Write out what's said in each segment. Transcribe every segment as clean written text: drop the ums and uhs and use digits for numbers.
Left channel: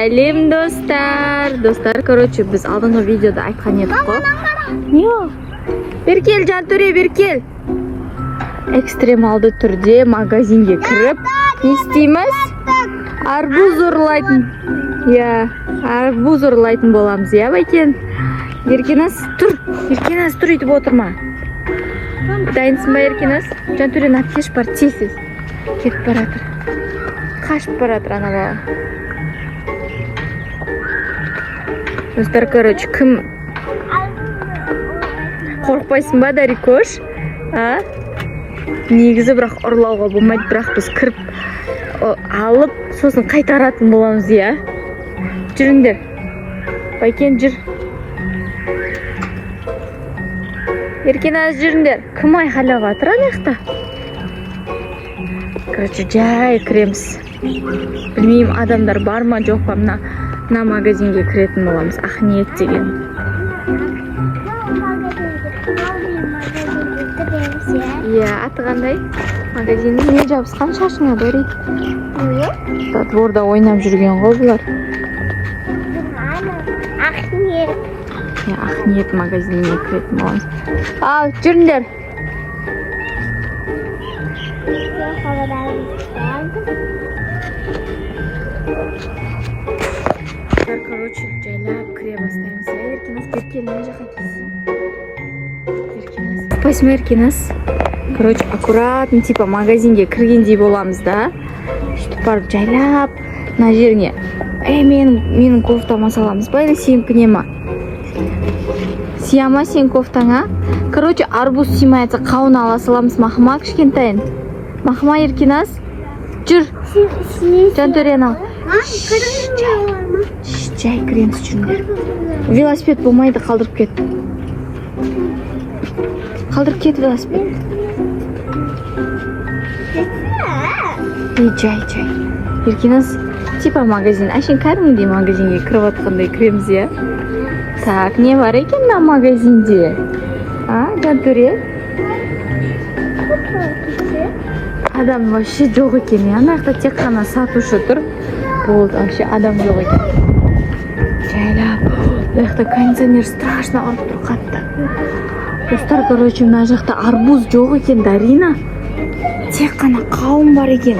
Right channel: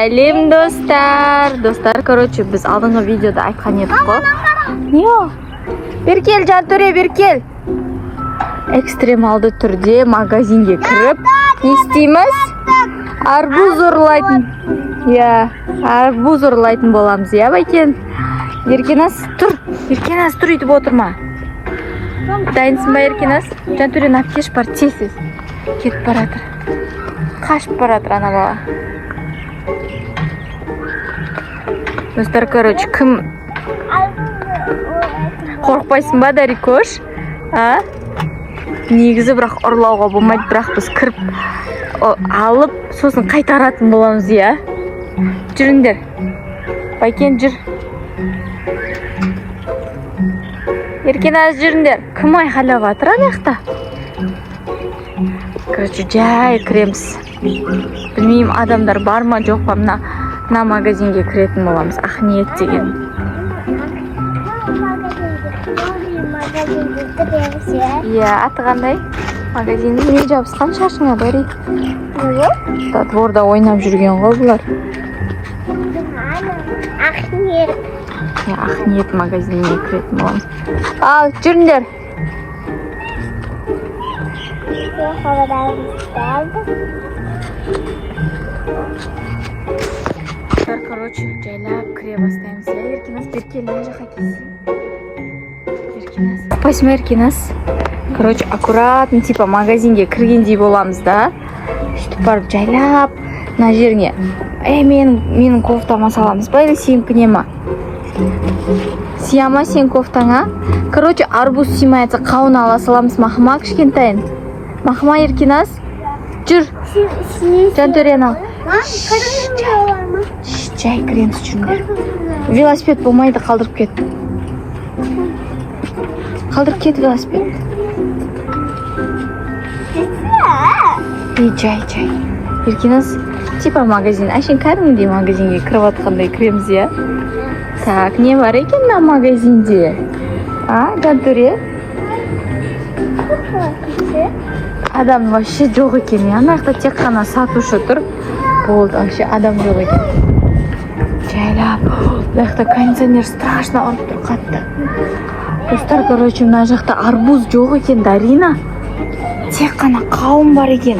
Сәлем достар, короче, біз алдыңғы видеода айтқан едік қой. Бер кел, Жантөре, бер кел. Экстремалды түрде магазинге кіріп, не істейміз? Арбуз ұрлайтын. Арбуз ұрлайтын боламыз, Байкен? Еркенас, тұр үйтіп отырма. Дайынсың ба, Еркенас? Жантөрен апкеш бар, тез. Кетіп баратыр. Қашып баратыр ана бала. Достар, короче, кім қорқпайсың ба, Дарикош? Негізі бірақ ұрлауға болмайды, бірақ біз кіріп алып, сосын қайтаратын боламыз, Жүріңдер. Байкен, жүр. Еркеназ, жүріңдер. Кім айқайлап жатыр анаяқта? Короче, жай кіреміз. Білмеймін, адамдар бар ма, жоқ па, мына магазинге кіретін боламыз. Ақниет деген. Аты қандай? Магазиннің не жабысқан шашыңа, Дари? Дворда ойнап жүрген ғой бұлар. Ақниет магазиніне кіретін боламыз. Ал, жүріңдер. Короче, жайлап кіре бастаймыз. Еркенас, беркел, не жаққа келсең? Еркенас. Қапайсың ба, Еркенас? Короче, аккуратно, типа магазинге кіргендей боламыз да. Сөйтіп барып жайлап, мына жеріңе. Менің кофтама саламыз ба, или сенікіне ма? Сияма сен кофтаңа? Короче, арбуз симайатса қауын ала саламыз. Мақыма кішкентайын. Мақыма, Еркенас. Жүр. Жантөрен ал. Жай кіреміз, жүріңдер. Велосипед болмайды, қалдырып кет. Қалдырып кет велосипед. Жай. Еркенас, типа магазин. Әшен кәдімгідей магазинге кіріп атқандай кіреміз, Так, не бар екен на магазинде? Жантөре? Адам вообще жоқ екен, Анақта тек қана сатушы тұр. Болды, вообще адам жоқ екен. Жайлап. Бұяқта кондиционер страшно ұрып тұр қатты. Достар, короче, мына жақта арбуз жоқ екен, Дарина. Тек қана қауын бар екен.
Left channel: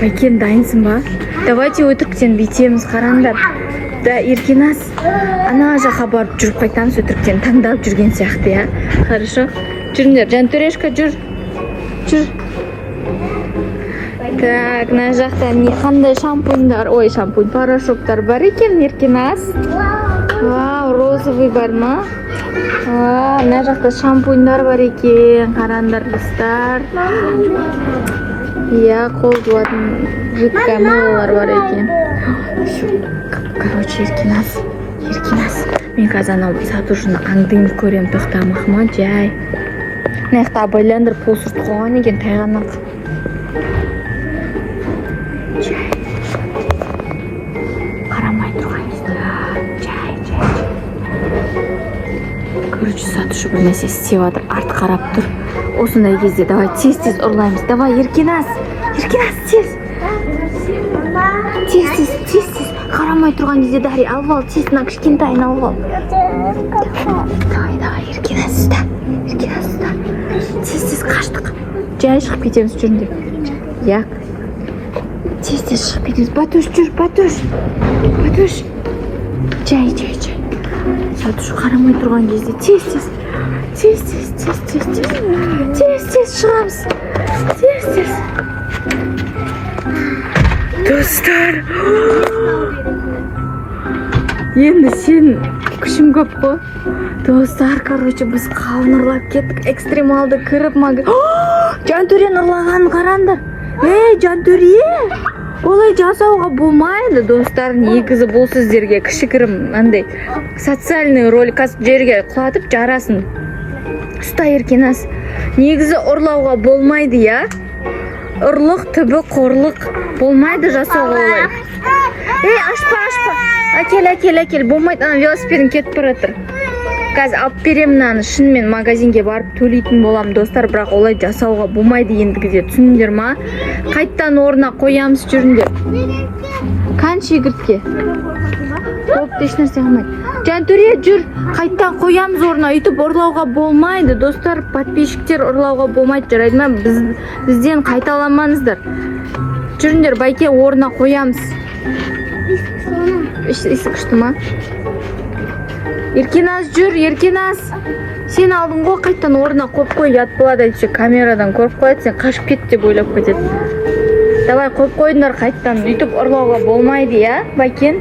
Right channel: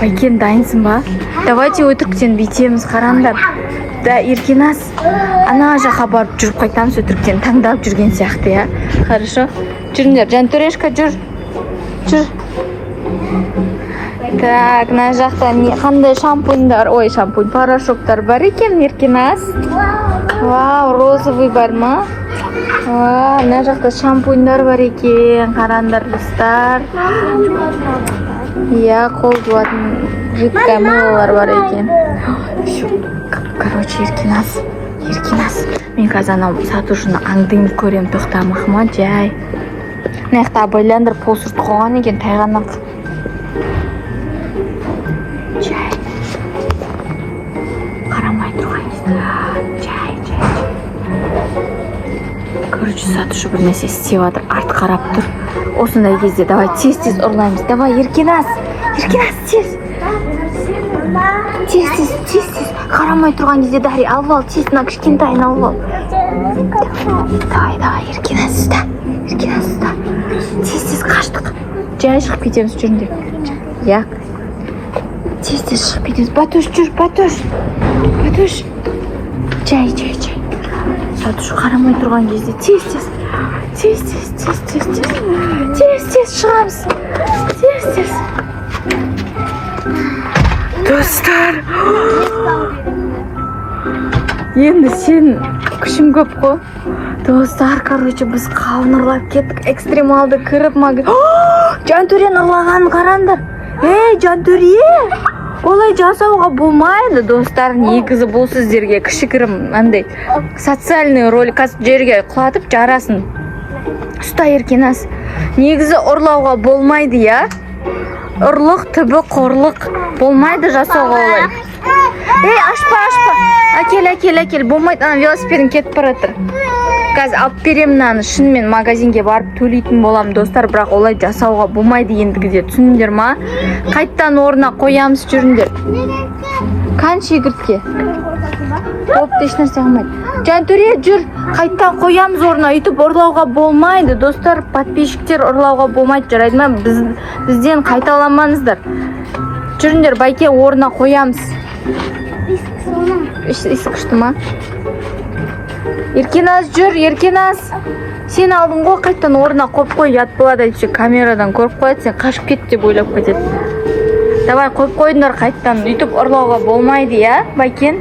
Байкен, дайынсың ба? Давайте өтіріктен бүйтеміз, қараңдар. Да, Еркенас, ана жаққа барып жүріп қайтамыз, өтіріктен таңдап жүрген сияқты, Хорошо? Жүріңдер, Жантөрешка, жүр. Так, мына жақта қандай шампунь, порошоктар бар екен, Еркенас. Вау, розовый бар ма? Мына жақта шампуньдар бар екен, қараңдар, достар. Қол жуатын жидкое мылолар бар екен. Короче, Еркенас, мен қазір анау сатушыны аңдыңды көрем, тоқтамақма, жай. Мына байландыр посырт қоған екен, тайғаннан. Жай. Қарамай тұрған. Жай. Короче, сатушы бір нәрсе істеп жатыр, арт қарап тұр. Осындай кезде давай тез ұрлаймыз. Давай, Еркенас, тез. Қарамай тұрған кезде, Дари, алып ал, тез, мына кішкентайын алып ал. Давай, Еркенас ұста. Тез қаштық. Жай шығып кетеміз, жүрінде. Тез шығып кетеміз. Батуш. Жай. Сатушы қарамай тұрған кезде, тез. Тез шығамыз. Тез. Достар, енді сен күшің көп қой. Достар, короче, біз қауын ұрлап кеттік, экстремалды кіріп Жантөрен ұрлаған қараңдар. Жантөре, олай жасауға болмайды, достар. Негізі бұл сіздерге кішігірім социальный ролик жерге құлатып жарасын. Ұста, Еркенас, негізі ұрлауға болмайды, Ұрлық, түбі, қорлық болмайды жасауға олай. Ашпа. Әкел, болмайды, ана велосипедін кетіп баратыр. қазір алып беремін мынаны. Шынымен магазинге барып төлейтін болам достар, бірақ олай жасауға болмайды ендігіде. Түсіндіңдер ма? Қайттан орнына қоямыз, жүріңдер. Қанша шегіртке? Опты еш нәрсе қылмайды. Жантөре жүр. Қайттан қоямыз орнына. Үйтіп ұрлауға болмайды достар. Подписчиктер ұрлауға болмайды, жарайды ма? Бізден қайталамаңыздар. Жүріңдер, Байке орнына қоямыз. Есі күшті ма? Еркеназ жүр, Еркеназ. Сен алдың ғой, қайттан орнына қойып қой, ят болады әйтсе камерадан көріп қояды, сен қашып кет деп ойлап кетеді. Давай қойып қойдыңдар қайттан. Үйтіп ұрлауға болмайды, я, Байкен?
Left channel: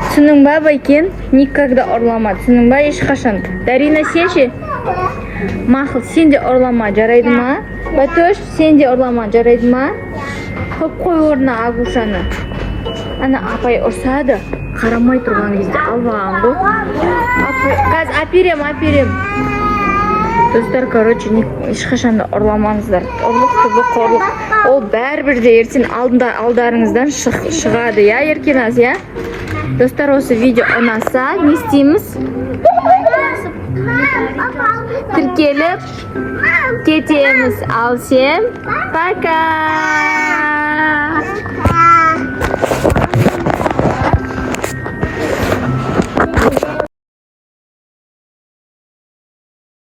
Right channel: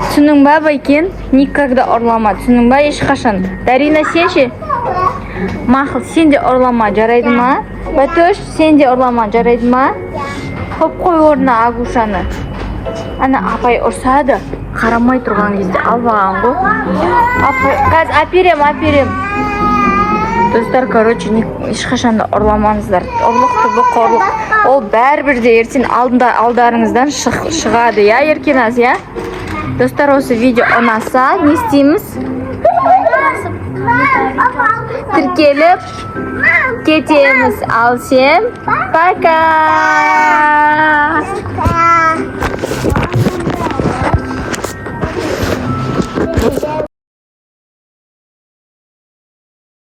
Түсінің ба, Байкен? Никогда ұрлама, түсінің ба, ешқашан? Дарина, сен ше? Мақыл, сен де ұрлама, жарайды ма? Батөш, сен де ұрлама, жарайды ма? Қойып қой орнына Агушаны. Ана апай ұрсады, қарамай тұрған кезде албаған ғой. Қазір әперем. Достар, короче, ешқашанда ұрламаңыздар. Ұрлық. Ол бәрібір де ертең алдарыңыздан шығады, я, Еркеназ, я? Достар, осы видео ұнаса, не істейміз? Тіркеліп кетеміз. Ал сен, пока!